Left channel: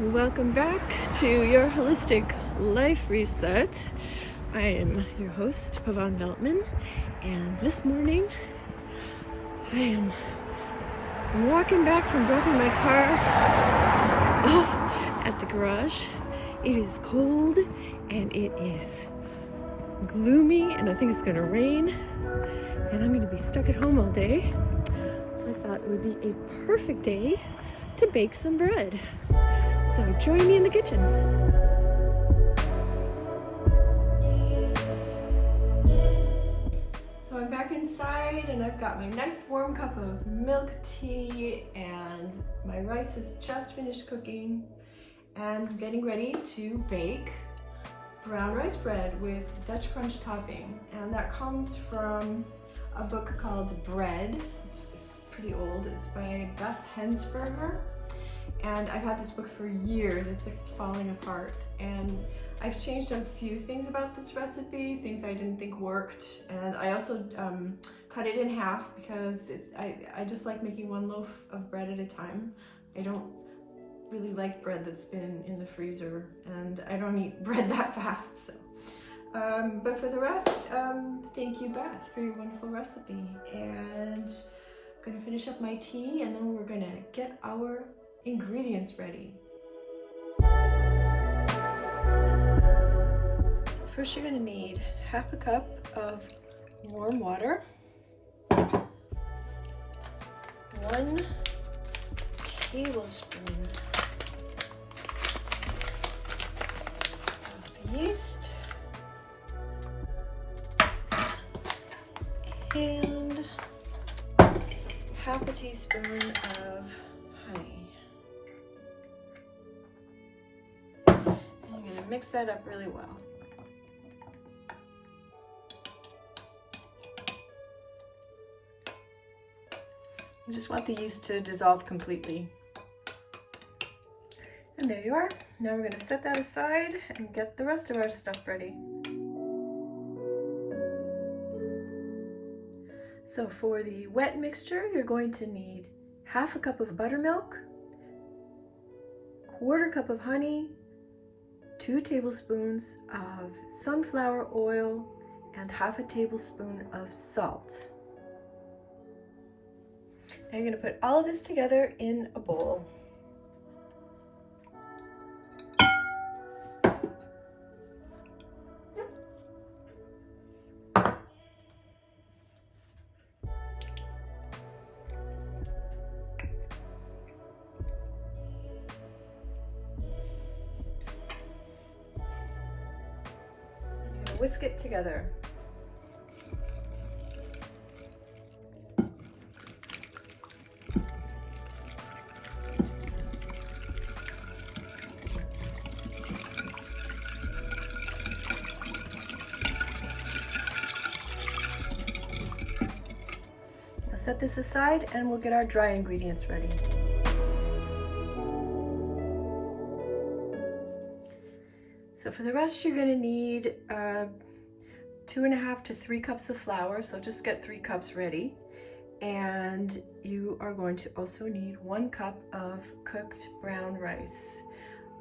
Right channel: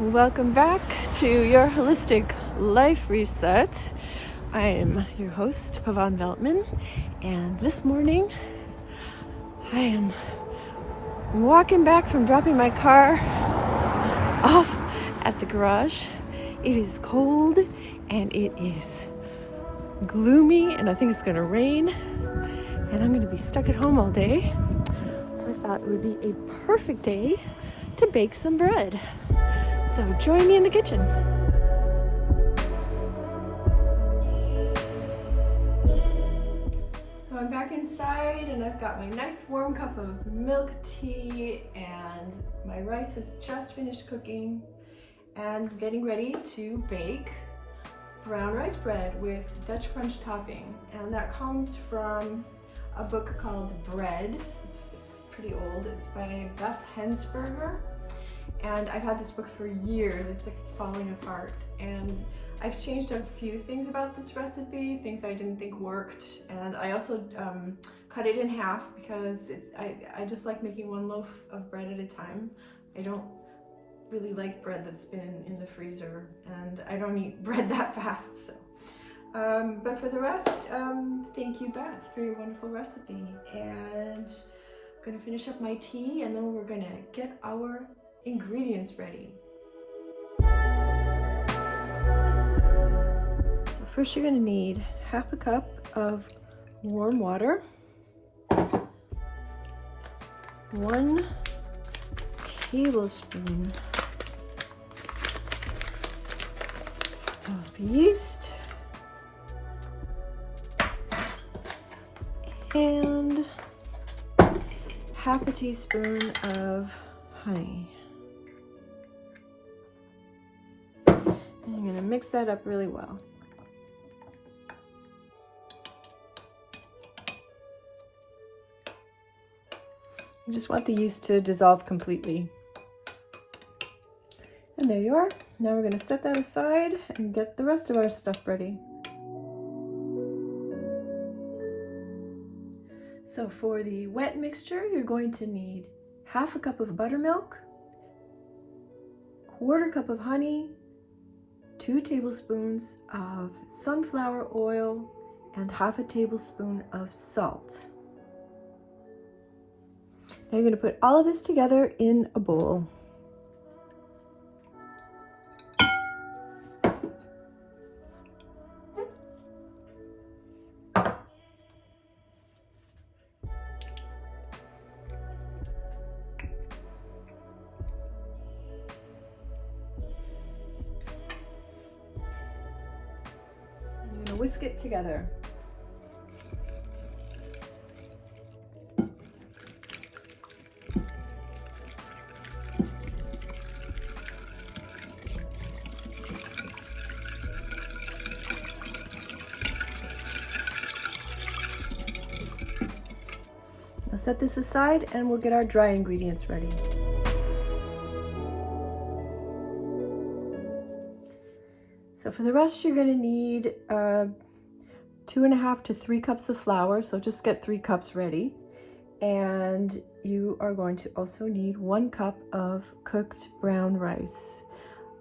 Welcome back to your holistic life reset. I am your host, Pavan Veltman, and this morning I am walking back from dropping my car off at the garage. It is cold and it is gloomy, and I think it's going to rain, and I'm going to be stuck at home all day. So I thought it would be a perfect day to bake some bread. So join me in the kitchen. So I'm back inside and I've got my nice warm cup of milk tea, and my rice has just finished cooking, and I'm getting ready to bake brown rice bread with Dutch crunch topping. And that comes from a book called Bread. It's pretty old. It's by Beth Hensberger. And I've had this book for years. It's like falling apart, and I've changed a few things about this recipe, things I didn't think worked, and I also cut it in half because I just like making one loaf of bread at a time. I don't really like bread that's been in the freezer, and I don't eat bread that fast. So, but for the rest, thank you, Beth, for your wonderful recipe. And I'm gonna finish up my tea, and then we're gonna get our ingredients ready. So first you're going to need half a cup of warm water, 1 tablespoon of yeast, and half a teaspoon of honey. I'm going to mix that up really well. I just want the yeast to dissolve completely. And there you are. Now we're going to set that aside and get the rest of our stuff ready. So for the wet mixture, you're going to need half a cup of buttermilk, 1/4 cup of honey, 2 tablespoons of sunflower oil, and half a tablespoon of salt. Now you're going to put all of this together in a bowl. Whisk it together. Now set this aside and we'll get our dry ingredients ready. So for the rest, you're going to need 2.5 to 3 cups of flour. So just get 3 cups ready. And you are going to also need 1 cup of cooked brown rice.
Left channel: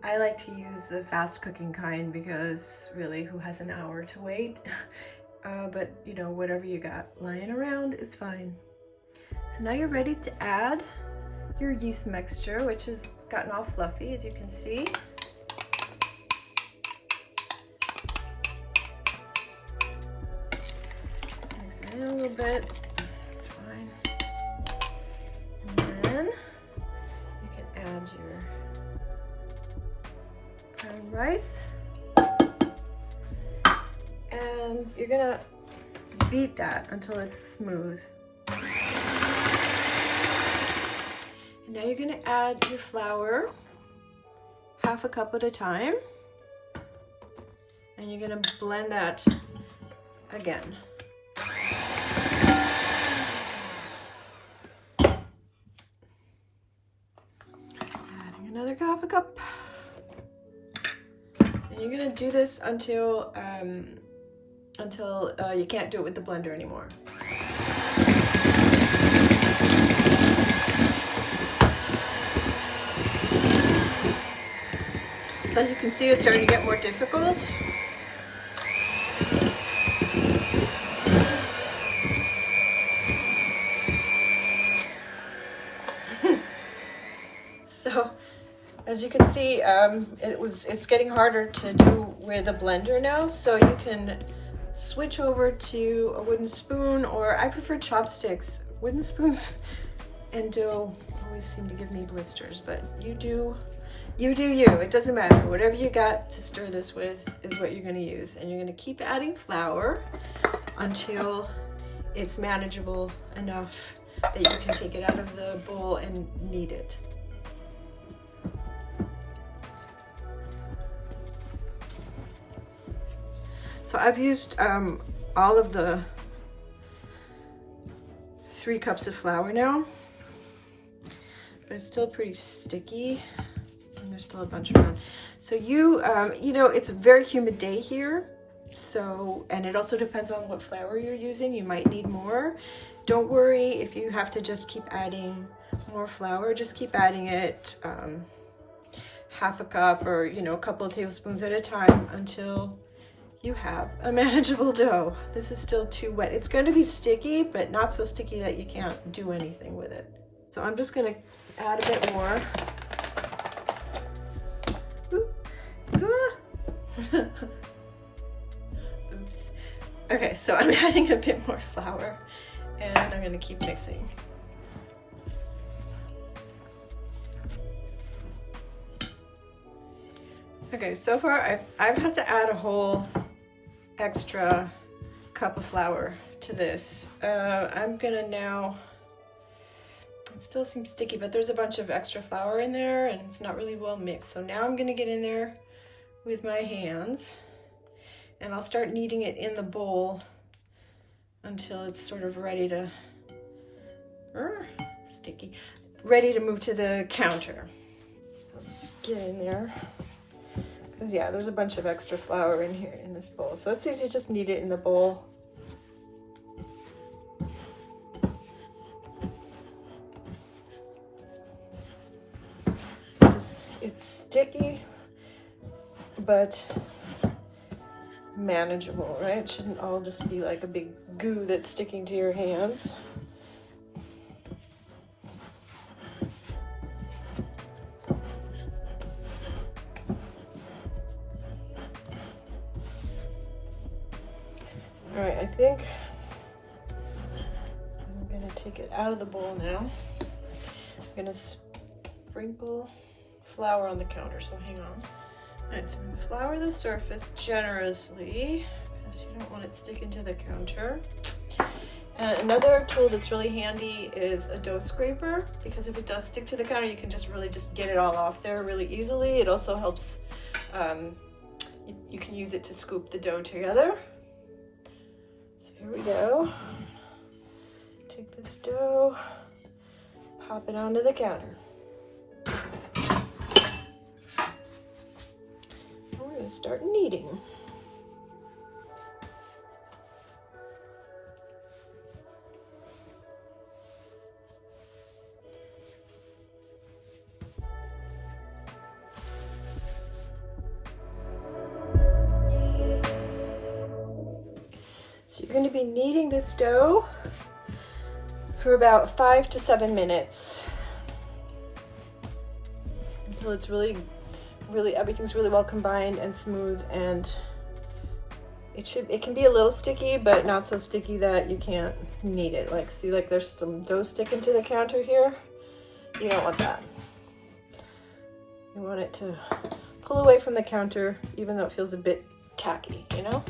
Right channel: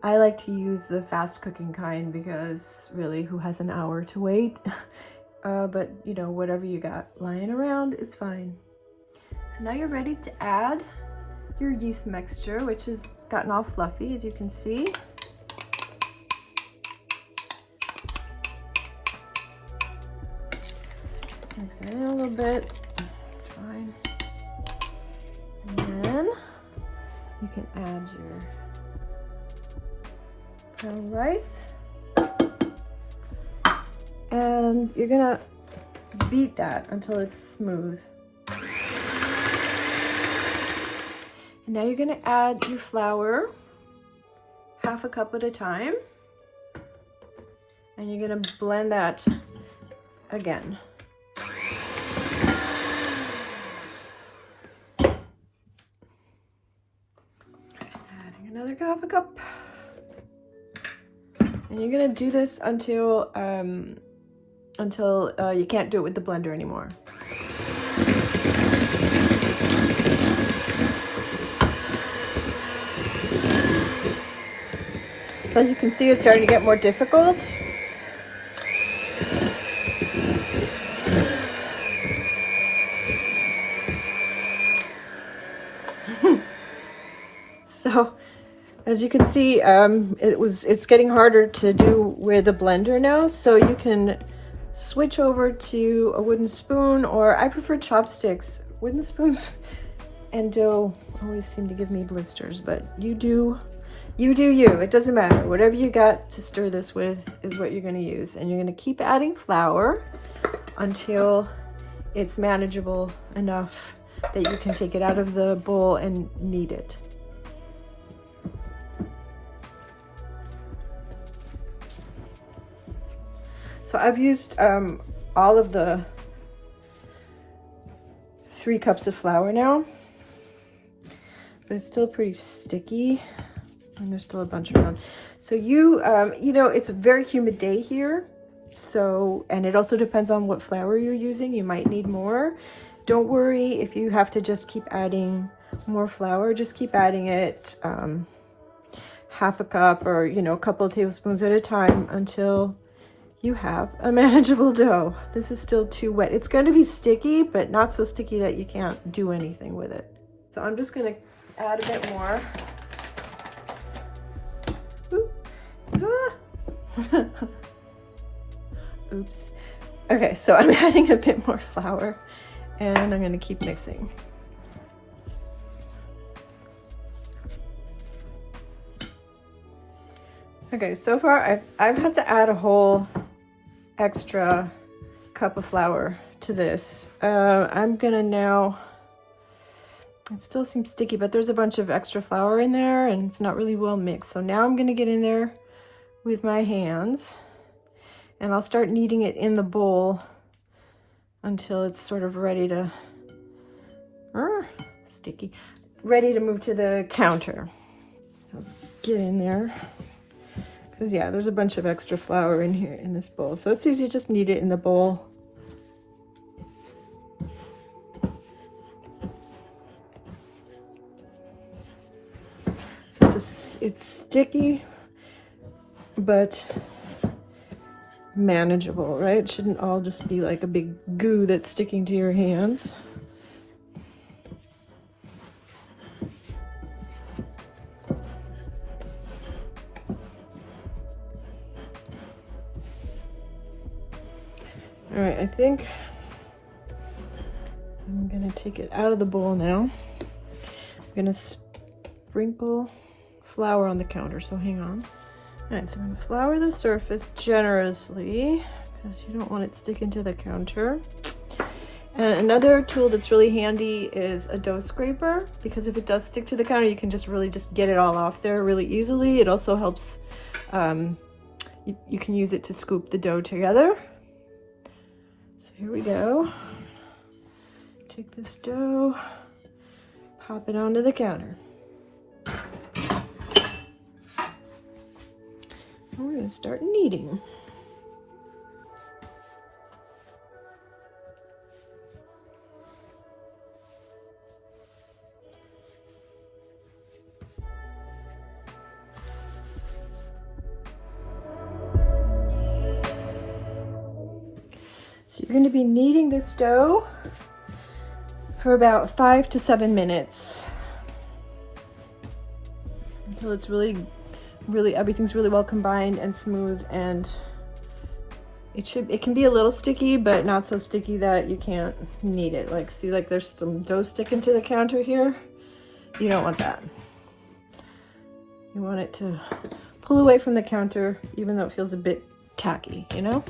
I like to use the fast cooking kind because really, who has an hour to wait? But you know, whatever you got lying around is fine. So now you're ready to add your yeast mixture, which has gotten all fluffy, as you can see. Mix that in a little bit. It's fine. And then you can add your brown rice. And you're gonna beat that until it's smooth. And now you're gonna add your flour, half a cup at a time. And you're gonna blend that again. Another half a cup. And you're gonna do this until you can't do it with the blender anymore. So as you can see, it's starting to get more difficult. So as you can see, it's getting harder to do with the blender now. So you can switch over to a wooden spoon, or I prefer chopsticks. Wooden spoons and dough always seem to give me blisters, but you do you. It doesn't matter. Whatever you got to stir this with is what you're going to use. And you're going to keep adding flour until it's manageable enough that you can take it out of the bowl and knead it. So I've used all of the 3 cups of flour now, but it's still pretty sticky, and there's still a bunch around. So you know, it's a very humid day here, so, and it also depends on what flour you're using. You might need more. Don't worry if you have to just keep adding more flour. Just keep adding it, half a cup, or you know, a couple of tablespoons at a time until you have a manageable dough. This is still too wet. It's going to be sticky, but not so sticky that you can't do anything with it. So I'm just going to add a bit more. Oops. Okay, so I'm adding a bit more flour, and I'm going to keep mixing. Okay, so far I've had to add a whole extra cup of flour to this. I'm gonna now, it still seems sticky, but there's a bunch of extra flour in there and it's not really well mixed. So now I'm gonna get in there with my hands and I'll start kneading it in the bowl until it's sort of ready to, sticky, ready to move to the counter. So let's get in there. Because yeah, there's a bunch of extra flour in here in this bowl. So it's easy, just knead it in the bowl. So it's sticky, but manageable, right? It shouldn't all just be like a big goo that's sticking to your hands. All right, I think I'm gonna take it out of the bowl now. I'm gonna sprinkle flour on the counter, so hang on. All right, so I'm gonna flour the surface generously because you don't want it sticking to the counter. And another tool that's really handy is a dough scraper, because if it does stick to the counter, you can just really just get it all off there really easily. It also helps, you can use it to scoop the dough together. So here we go. Take this dough, pop it onto the counter. I'm going to start kneading. So you're going to be kneading this dough for about 5 to 7 minutes until it's really everything's really well combined and smooth, and it can be a little sticky, but not so sticky that you can't knead it. Like, see, like there's some dough sticking to the counter here. You don't want that. You want it to pull away from the counter, even though it feels a bit tacky, you know?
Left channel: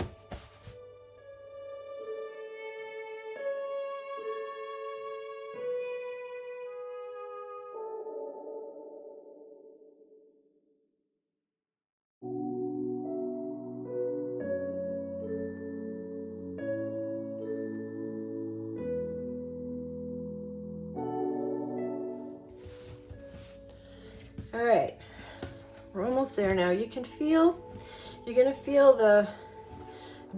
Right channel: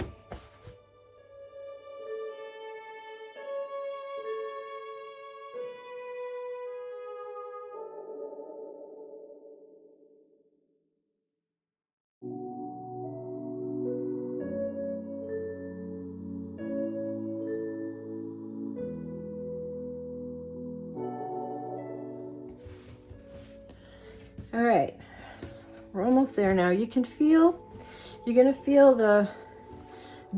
All right, we're almost there now. You're gonna feel the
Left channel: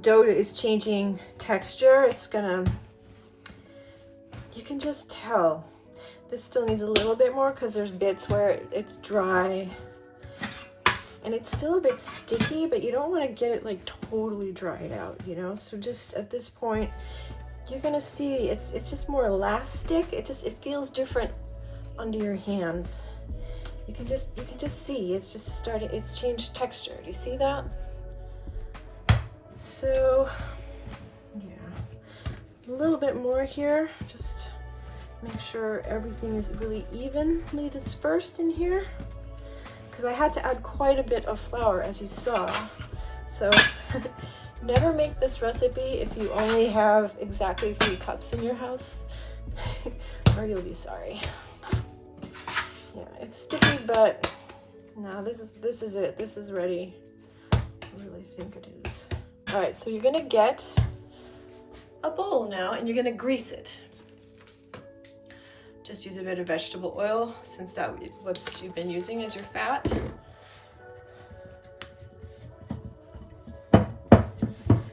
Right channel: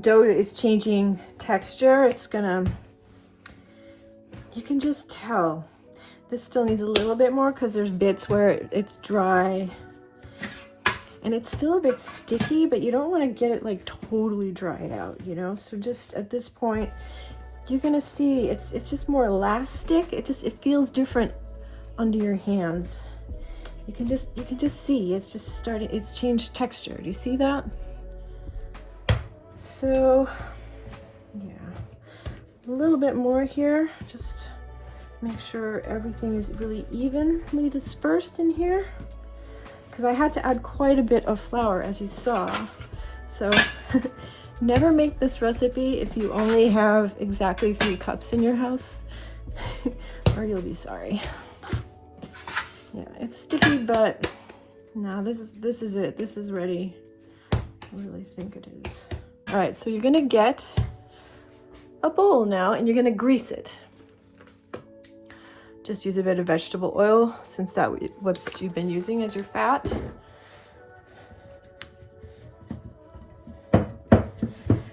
dough is changing texture. You can just tell. This still needs a little bit more because there's bits where it's dry. And it's still a bit sticky, but you don't want to get it like totally dried out, you know? So just at this point, you're gonna see it's just more elastic. It feels different under your hands. You can just see it's changed texture. Do you see that? So yeah, a little bit more here. Just make sure everything is really evenly dispersed in here, because I had to add quite a bit of flour, as you saw. So never make this recipe if you only have exactly 3 cups in your house, or you'll be sorry. Yeah, it's sticky, but now this is it. This is ready. I really think it is. All right, so you're gonna get a bowl now, and you're gonna grease it. Just use a bit of vegetable oil, since that's what you've been using as your fat.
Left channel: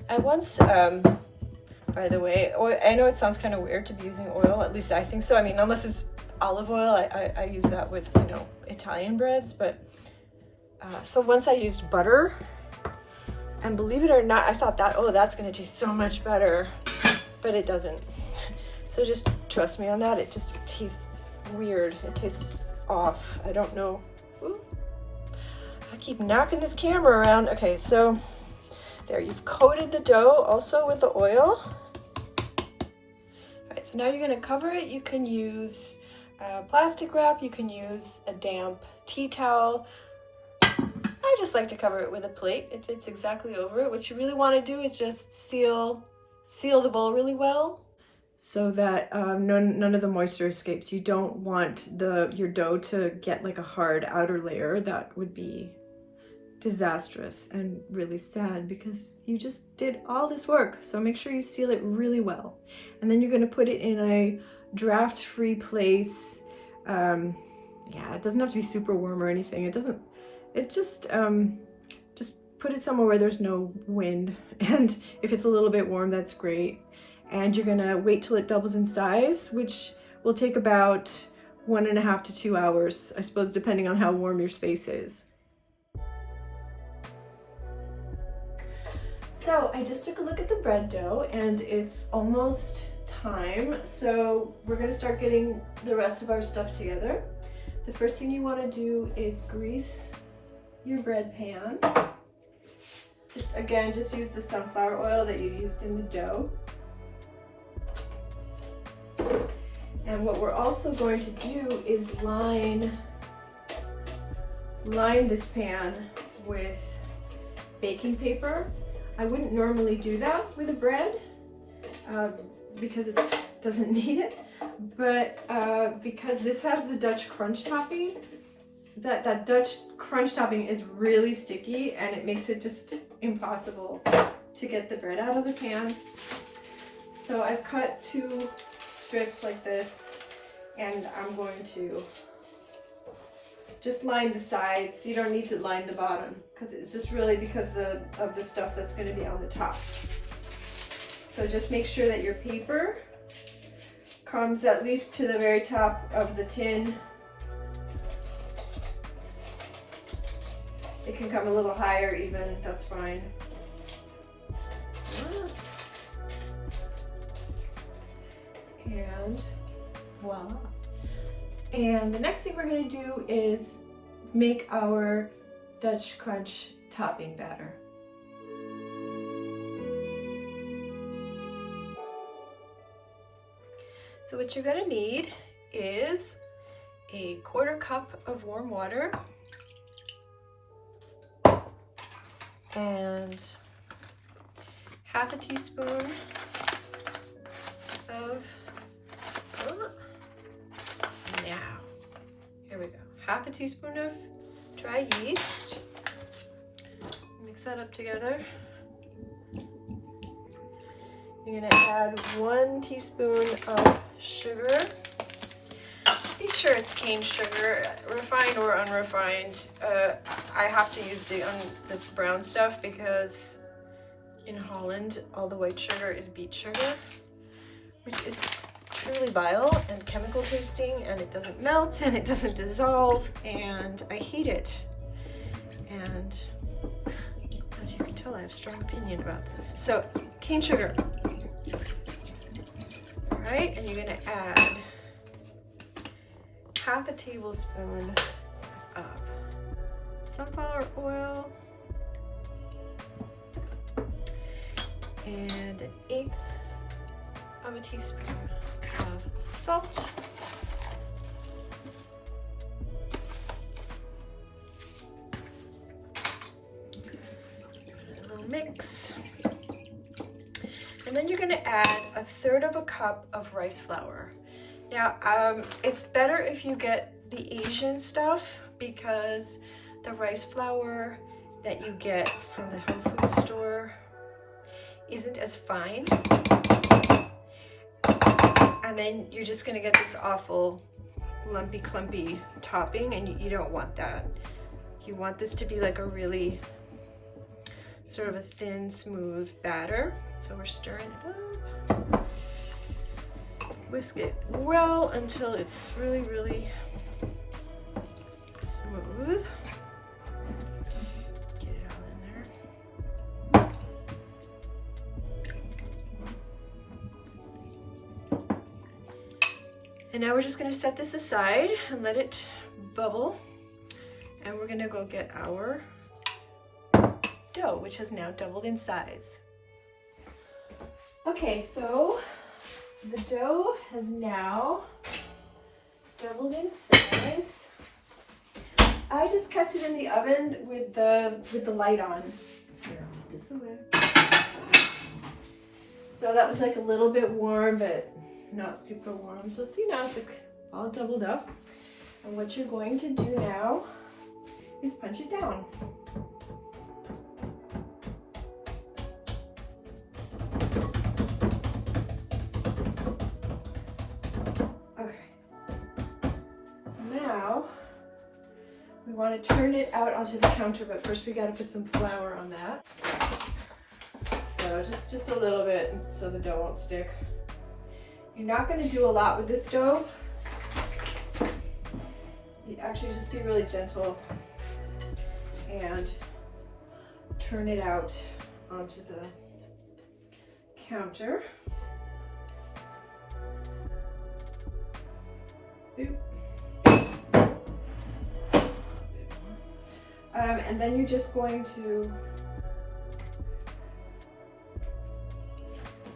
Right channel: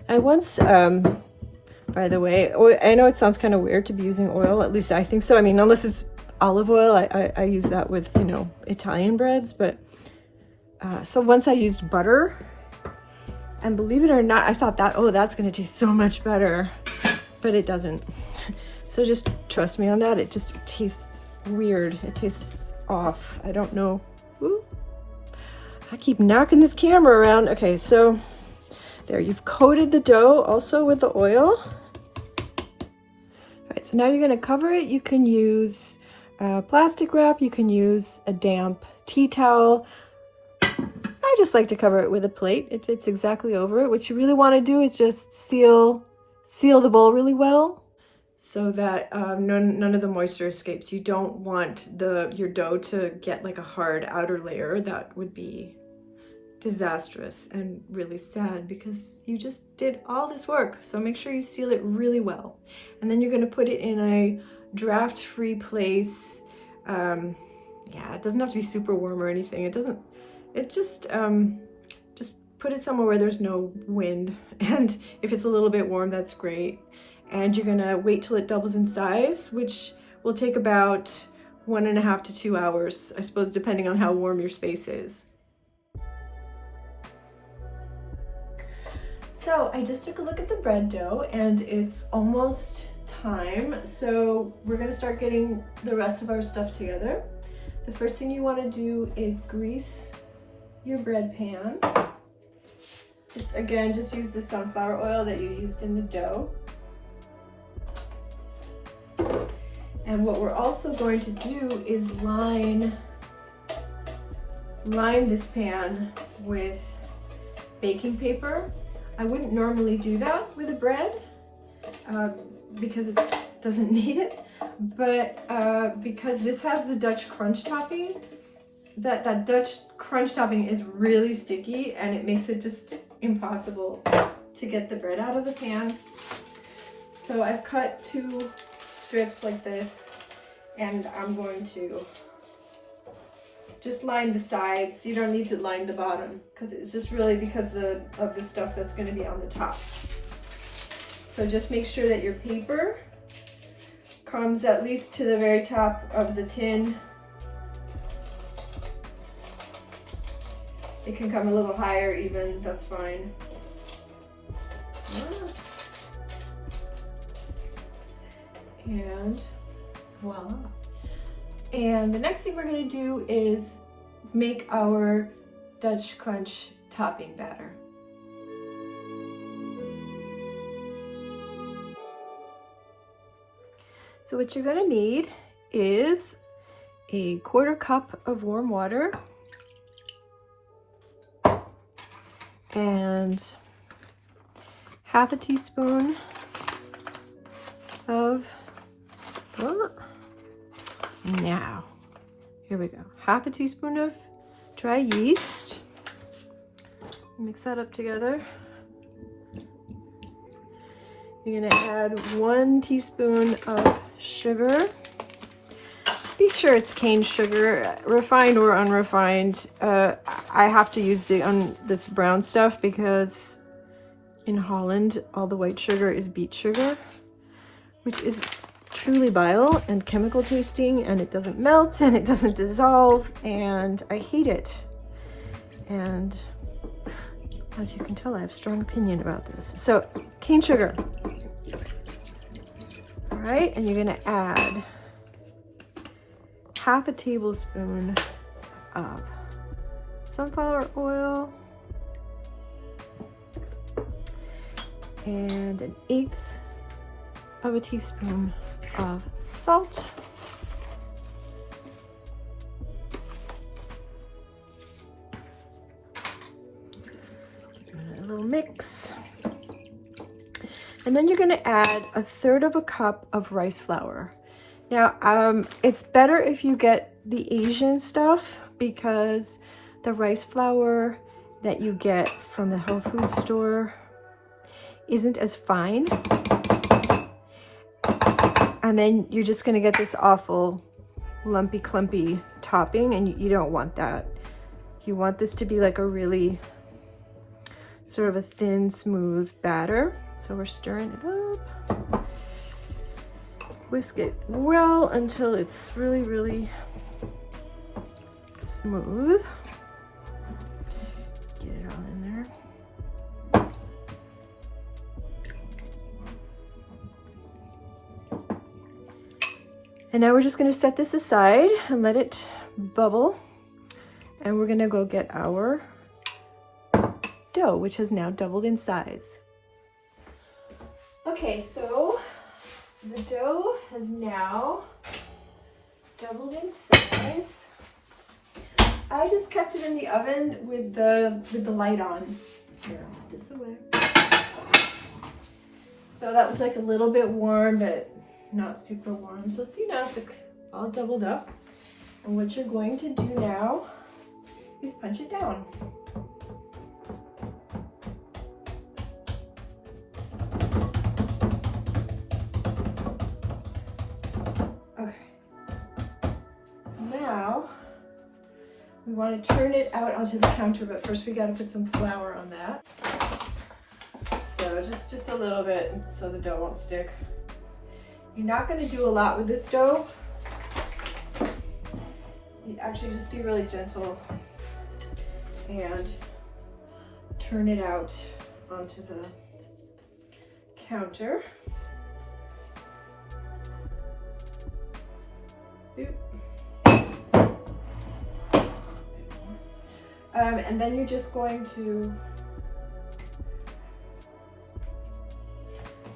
I once, by the way, I know it sounds kind of weird to be using oil, at least I think so. I mean, unless it's olive oil, I use that with, you know, Italian breads, but so once I used butter, and believe it or not, I thought that, oh, that's gonna taste so much better, but it doesn't. So just trust me on that. It just tastes weird. It tastes off. I don't know. Ooh. I keep knocking this camera around. Okay, so there, you've coated the dough also with the oil. All right, so now you're gonna cover it. You can use plastic wrap. You can use a damp tea towel. I just like to cover it with a plate. It fits exactly over it. What you really wanna do is just seal the bowl really well, so that none of the moisture escapes. You don't want your dough to get like a hard outer layer. That would be disastrous and really sad, because you just did all this work. So make sure you seal it really well. And then you're gonna put it in a draft-free place. Yeah, it doesn't have to be super warm or anything. It just put it somewhere where there's no wind. And if it's a little bit warm, that's great. And you're gonna wait till it doubles in size, which will take about 1.5 to 2 hours, I suppose, depending on how warm your space is. So I just took a look at the bread dough, and it's almost time. So we're gonna start getting the rest of our stuff together. The first thing you wanna do is grease your bread pan. Just use the sunflower oil that you used in the dough. And what we're also going to do is line this pan with baking paper. I wouldn't normally do that with a bread because it doesn't need it, but because this has the Dutch crunch topping, that Dutch crunch topping is really sticky, and it makes it just impossible to get the bread out of the pan. So I've cut 2 strips like this, and I'm going to just line the sides. You don't need to line the bottom, because it's just really because of the stuff that's going to be on the top. So just make sure that your paper comes at least to the very top of the tin. It can come a little higher even, that's fine. And voila. And the next thing we're gonna do is make our Dutch crunch topping batter. So what you're gonna need is a 1/4 cup of warm water and 1/2 teaspoon of, now, here we go, 1/2 teaspoon of dry yeast. Mix that up together. You're gonna add 1 teaspoon of sugar. Be sure it's cane sugar, refined or unrefined. I have to use this brown stuff because in Holland all the white sugar is beet sugar, which is truly vile and chemical tasting, and it doesn't melt and it doesn't dissolve, and I hate it. And as you can tell, I have a strong opinion about this. So cane sugar. All right, and you're gonna add half a tablespoon of sunflower oil and 1/8 of a teaspoon of salt. A little mix. And then you're gonna add 1/3 cup of rice flour. Now, it's better if you get the Asian stuff because the rice flour that you get from the health food store isn't as fine. And then you're just gonna get this awful lumpy clumpy topping, and you don't want that. You want this to be like a really sort of a thin, smooth batter. So we're stirring it up. Whisk it well until it's really, really smooth. Get it all in there. And now we're just gonna set this aside and let it bubble. And we're gonna go get our dough, which has now doubled in size. Okay, so the dough has now doubled in size. I just kept it in the oven with the light on. Here, I'll put this away. So that was like a little bit warm, but not super warm. So see, now it's like all doubled up. And what you're going to do now is punch it down. We want to turn it out onto the counter, but first we got to put some flour on that. So just a little bit so the dough won't stick. You're not going to do a lot with this dough. You actually just be really gentle and turn it out onto the counter. Oop. And then you're just going to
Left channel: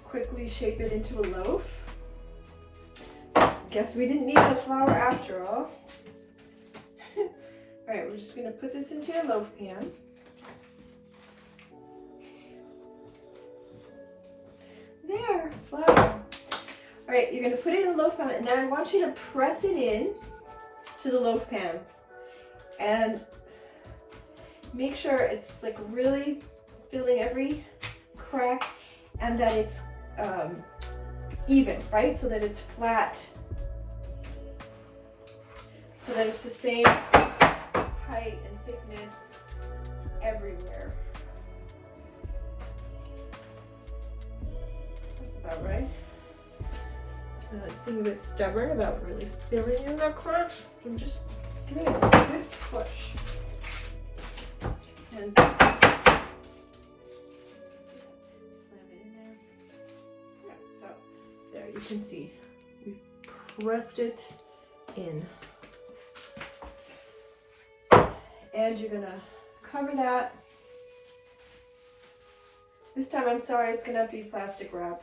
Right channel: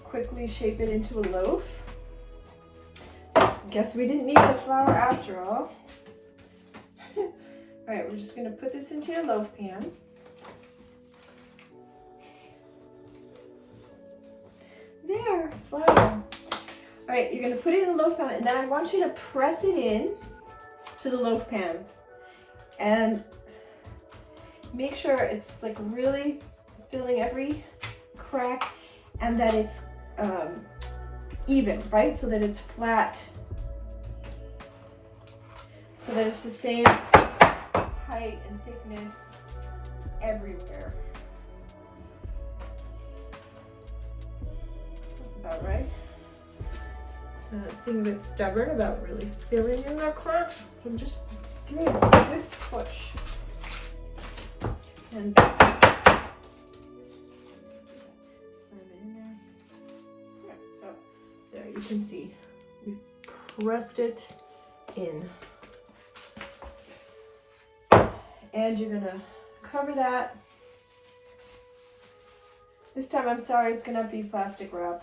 quickly shape it into a loaf. Guess we didn't need the flour after all. All right, we're just going to put this into a loaf pan. There, flour. All right, you're going to put it in a loaf pan, and then I want you to press it in to the loaf pan. And make sure it's like really filling every crack and that it's even, right? So that it's flat, so that it's the same height and thickness everywhere. That's about right. It's being a bit stubborn about really filling in the cracks. So I'm just giving it a good push. And slam it in there. Right, so there you can see we pressed it in. And you're gonna cover that. This time, I'm sorry, it's gonna be plastic wrap.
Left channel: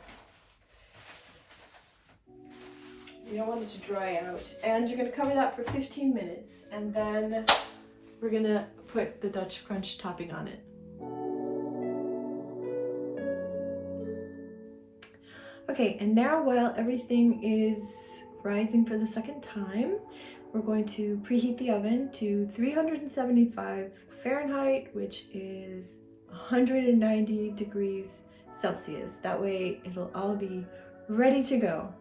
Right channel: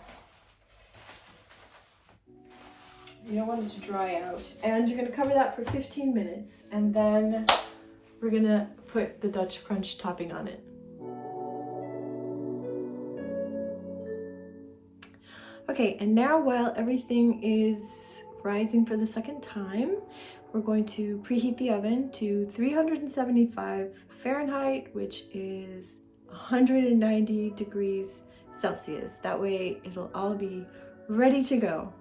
You don't want it to dry out. And you're gonna cover that for 15 minutes. And then we're gonna put the Dutch Crunch topping on it. Okay, and now while everything is rising for the second time, we're going to preheat the oven to 375 Fahrenheit, which is 190 degrees Celsius. That way it'll all be ready to go.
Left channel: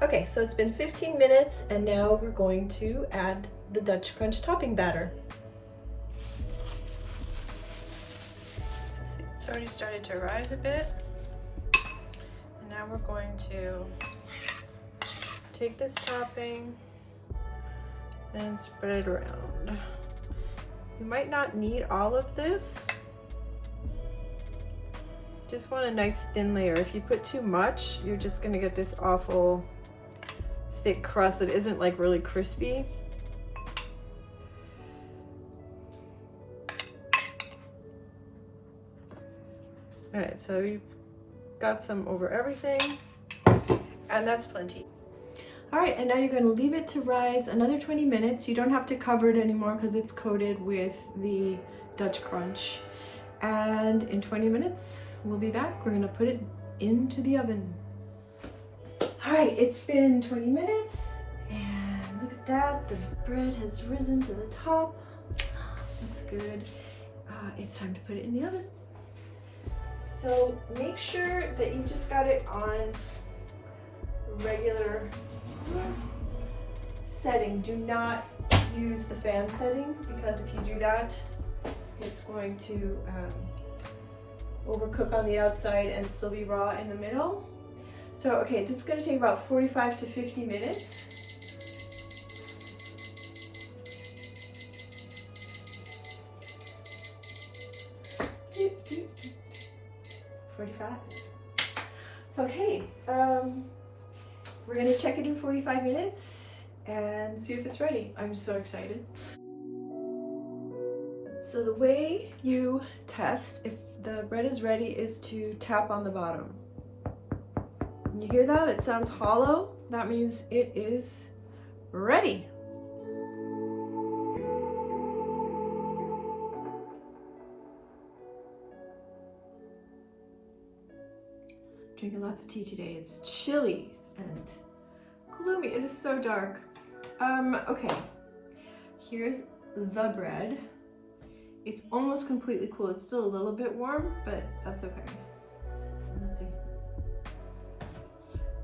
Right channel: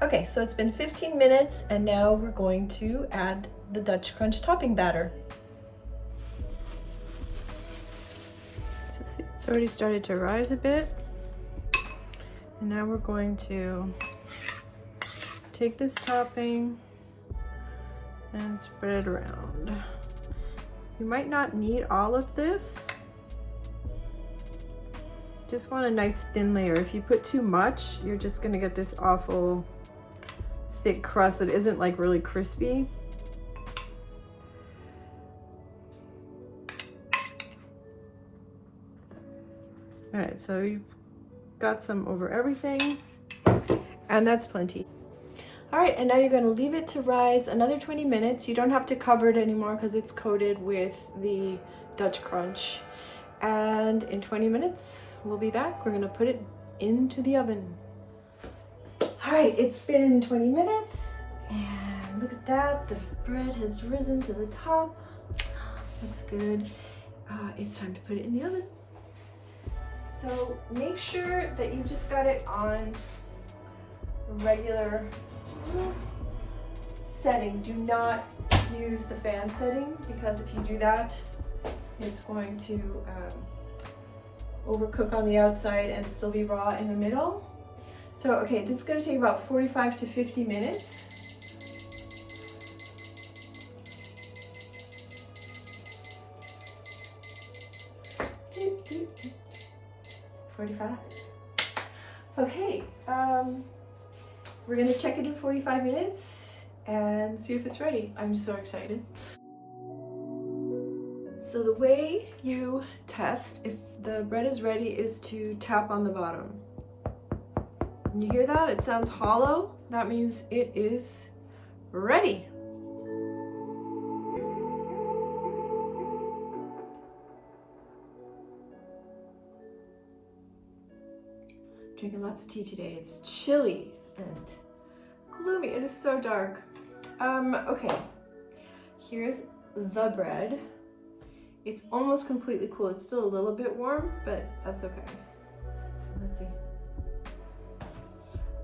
Okay, so it's been 15 minutes and now we're going to add the Dutch Crunch topping batter. So see, it's already started to rise a bit. And now we're going to take this topping and spread it around. You might not need all of this. Just want a nice thin layer. If you put too much, you're just gonna get this awful thick crust that isn't like really crispy. All right, so you've got some over everything, and that's plenty. All right, and now you're gonna leave it to rise another 20 minutes. You don't have to cover it anymore because it's coated with the Dutch crunch. And in 20 minutes, we'll be back. We're gonna put it into the oven. All right, it's been 20 minutes, and look at that. The bread has risen to the top. Looks good. It's time to put it in the oven. So make sure that you just got it on regular setting. Do not use the fan setting, because if you do that, it's going to overcook on the outside and still be raw in the middle. So, okay, this is going to take about 45 to 50 minutes. Doop, doop, doop. 45. Okay, we're gonna check it in 45 minutes and see if it's ready. I'm so excited. So the way you test if the bread is ready is to tap on the bottom. When you hear that, it sounds hollow. That means it is ready. Drinking lots of tea today. It's chilly and gloomy. It is so dark. Okay, here's the bread. It's almost completely cool. It's still a little bit warm, but that's okay. Let's see.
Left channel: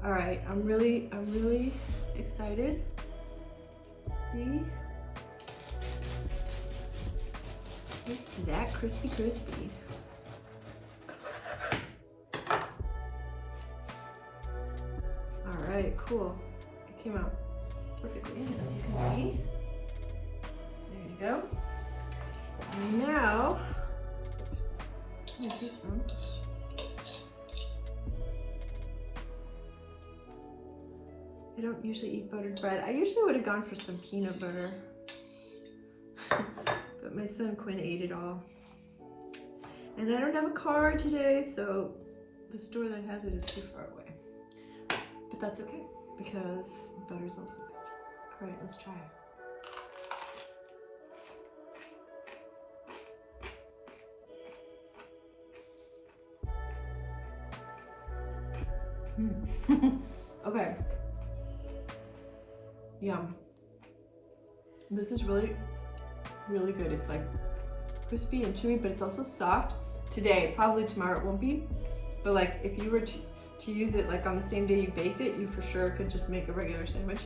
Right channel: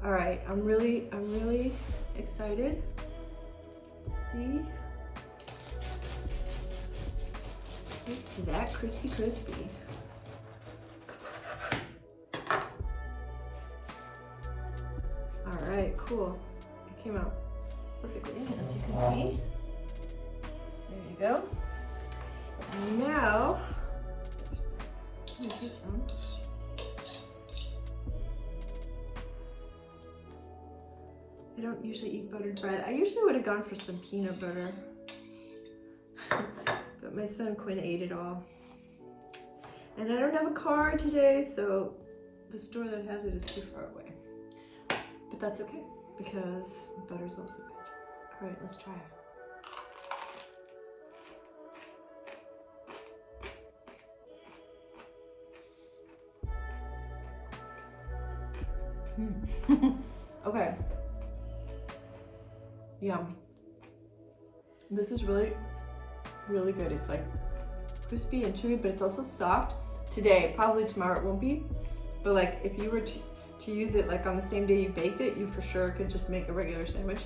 All right, I'm really excited. Let's see. It's that crispy. All right, cool. It came out perfectly, as you can see. There you go. Now, I'm gonna taste some. I don't usually eat buttered bread. I usually would have gone for some peanut butter, but my son Quinn ate it all. And I don't have a car today, so the store that has it is too far away. But that's okay, because butter's also good. All right, let's try it. Okay. Yum. This is really good. It's like crispy and chewy, but it's also soft. Today, probably tomorrow it won't be. But like if you were to use it like on the same day you baked it, you for sure could just make a regular sandwich.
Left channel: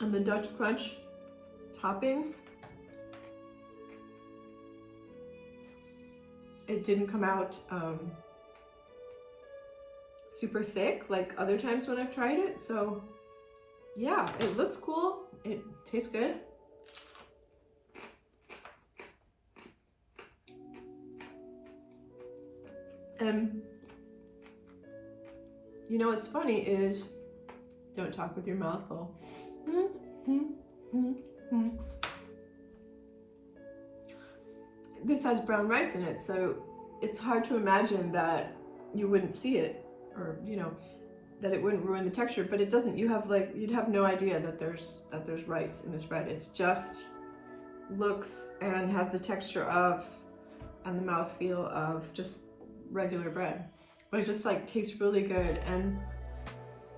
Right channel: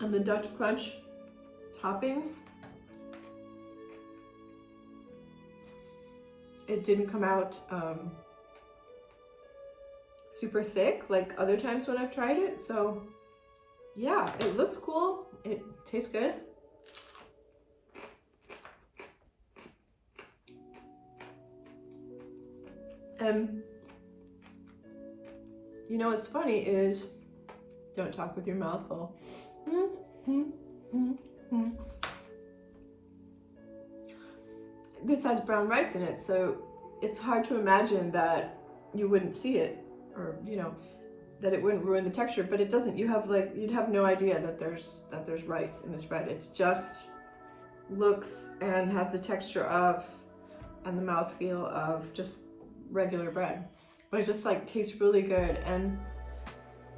And the Dutch crunch topping, it didn't come out super thick like other times when I've tried it. So yeah, it looks cool. It tastes good. And you know what's funny is, don't talk with your mouth full. This has brown rice in it, so it's hard to imagine that you wouldn't see it, or you know, that it wouldn't ruin the texture, but it doesn't. You have like, you'd have no idea that there's rice in this bread. It's just looks and has the texture of, and the mouthfeel of just regular bread, but it just like tastes really good. And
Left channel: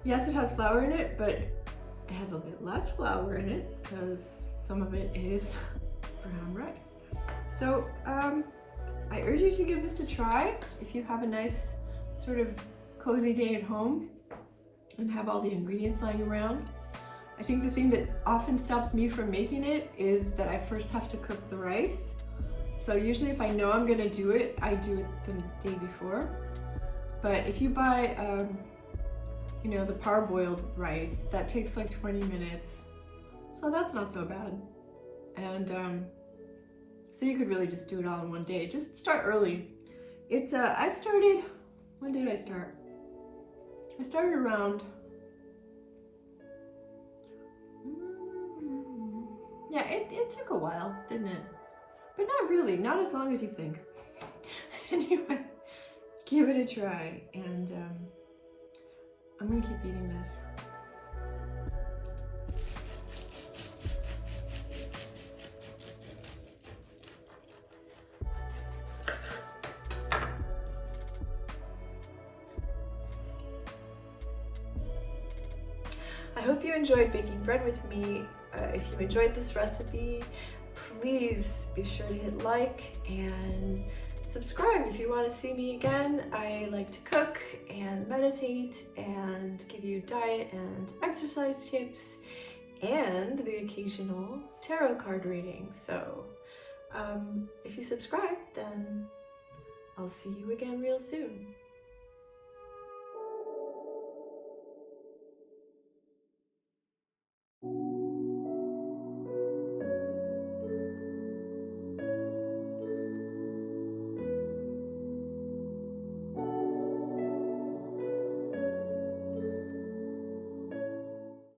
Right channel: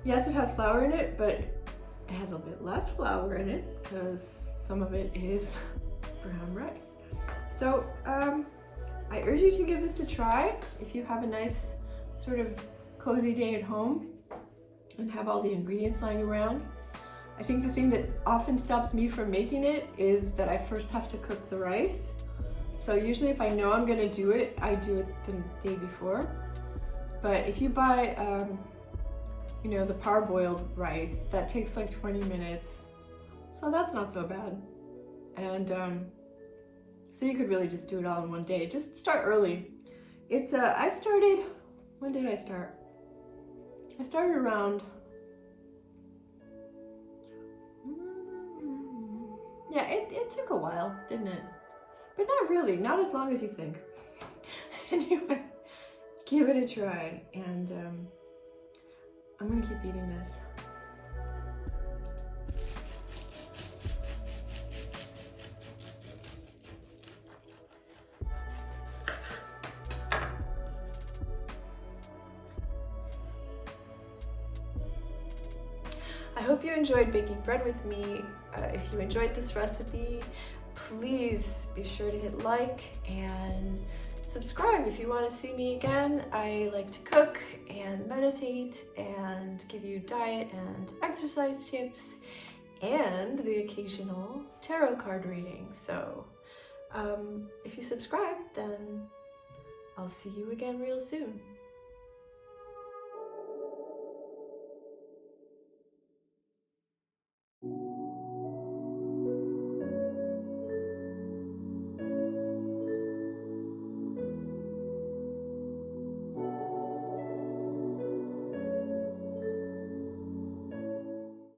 yes, it has flour in it, but it has a bit less flour in it because some of it is brown rice. So I urge you to give this a try if you have a nice sort of cozy day at home and have all the ingredients lying around. I think the thing that often stops me from making it is that I first have to cook the rice. So usually if I know I'm gonna do it, I do it the day before. But if you buy, you know, the parboiled rice, that takes like 20 minutes. So that's not so bad. And so you could really just do it all in one day. Just start early. It's, I started, when did I start? I started around, yeah, it took a while, didn't it? But not really, not as long as you think. Anyway, give it a try, and I'm gonna keep eating this. I hope you enjoyed baking bread with me. If you enjoyed this recipe, please be sure to hit like and subscribe if you want to see me again. I like to cook and meditate and give you diet and exercise tips and the occasional tarot card reading. So if you subscribe, then I'll see you again real soon.